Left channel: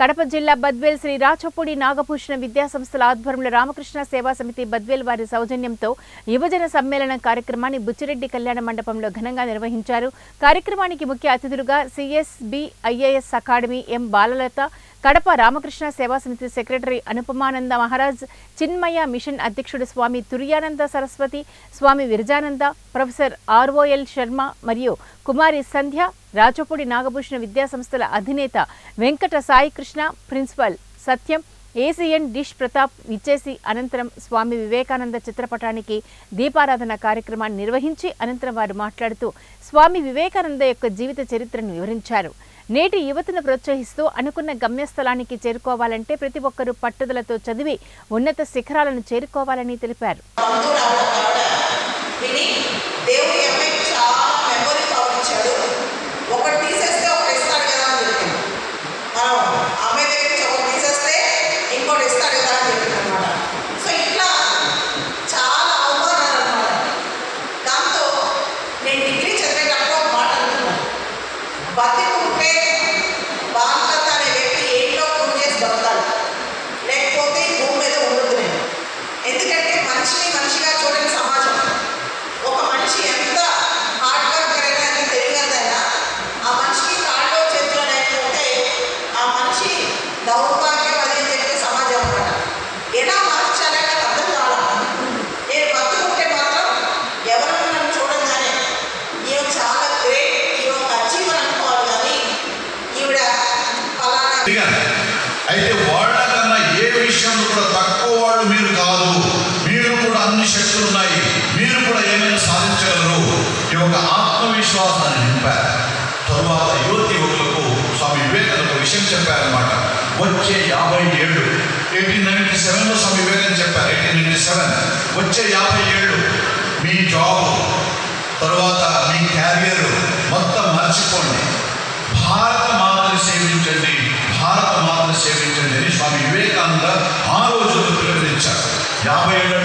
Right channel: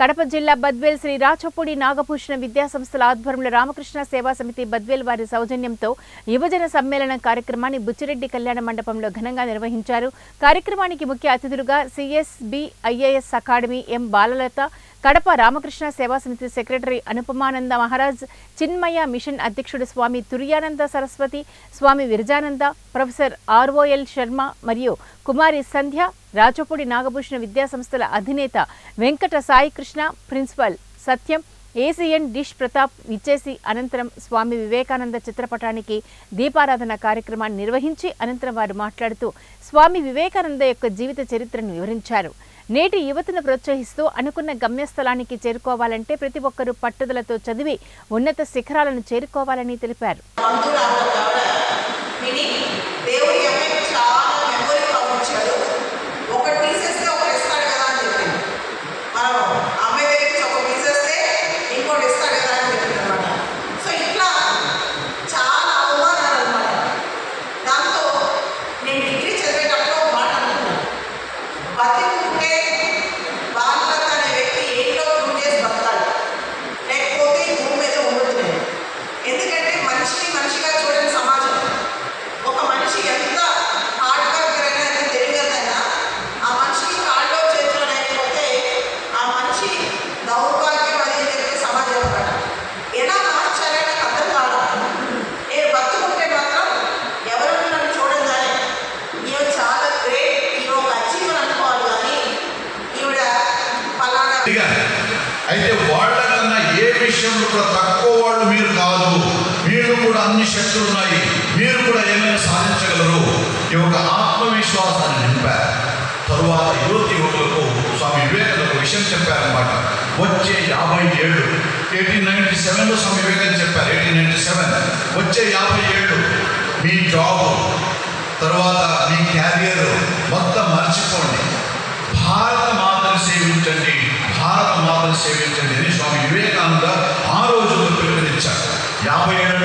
కడప జిల్లా బద్వేల్ శ్రీ రాచపూడి నాగభూషణ విద్యా సంస్థల ఆధ్వర్యంలో రామకృష్ణ సేవా సమితి బద్వేల్ వారి సౌజన్యంతో యువజన సమ్మేళనం కార్యక్రమాన్ని బుచ్చిరెడ్డి కళ్యాణ మండపంలో ఘనంగా నిర్వహించారు. కార్యక్రమానికి ముఖ్య అతిథులుగా సిఎస్బి ఐఏఎస్ అకాడమీ ఎం బాలలత, కడప రామకృష్ణ సేవా సమితి సెక్రటరీ అనుపమానంద మహారాజ్, చిన్మయ మిషన్ అధ్యక్షుడు స్వామి తుర్యానంద సరస్వతి, స్వామి విరజానంద, ప్రొఫెసర్ ఆర్ఓఎల్ శర్మ మరియు కుమారి సంధ్య, రాచపూడి నాగభూషణ విద్యా సంస్థల అధినేత వెంకట సాయికృష్ణ, ప్రిన్సిపల్ సత్యం, ఏసీఎన్ డిష్ ప్రతాప్ విచ్చేసి అనంతరం స్వామి వివేకానంద చిత్రపటానికి దీపారాధన కార్యక్రమాన్ని నిర్వహించి అనంతరం వారు మాట్లాడుతూ స్వామి వివేకానంద యొక్క జీవిత చరిత్రను వివరించారు. నేటి యువతను ప్రోత్సహిస్తూ అనుకున్న గమ్యస్థలానికి చేరుకోవాలంటే ప్రతి ఒక్కరూ పట్టుదలతో చదివి ఉన్నత శిఖరాలను చేరుకోవాలని తెలిపారు. అయితే వాళ్ళకన్నా ఏ విషయంలో కూడా తక్కువ వాళ్ళు మీరు కాదు, మీరు కూడా అన్ని శక్తులు ఉన్నాయి, మీరు కూడా ఏమైనా సాధించగలరు. ఈ యొక్క ఆత్మవిశ్వాసాన్ని నింపారు. తరువాత యువతి యువకులకు స్వామి వివేకానంద విషయం చెప్పారన్నమాట. వచ్చే 50 ఏళ్ళు 1897లో స్వామి వివేకానంద చెప్పారు. 1897 వచ్చే 50 ఏళ్ళు మీ జాబ్ తర్వాత మీ క్యారియర్ మొత్తం మర్చిపోండి, భారత మాతను సేవించండి, భారత మాతను సేవించండి అని స్వామి వివేకానంద ఆ రోజుల్లో పిలుపునిచ్చారు. 50 ఏళ్ళ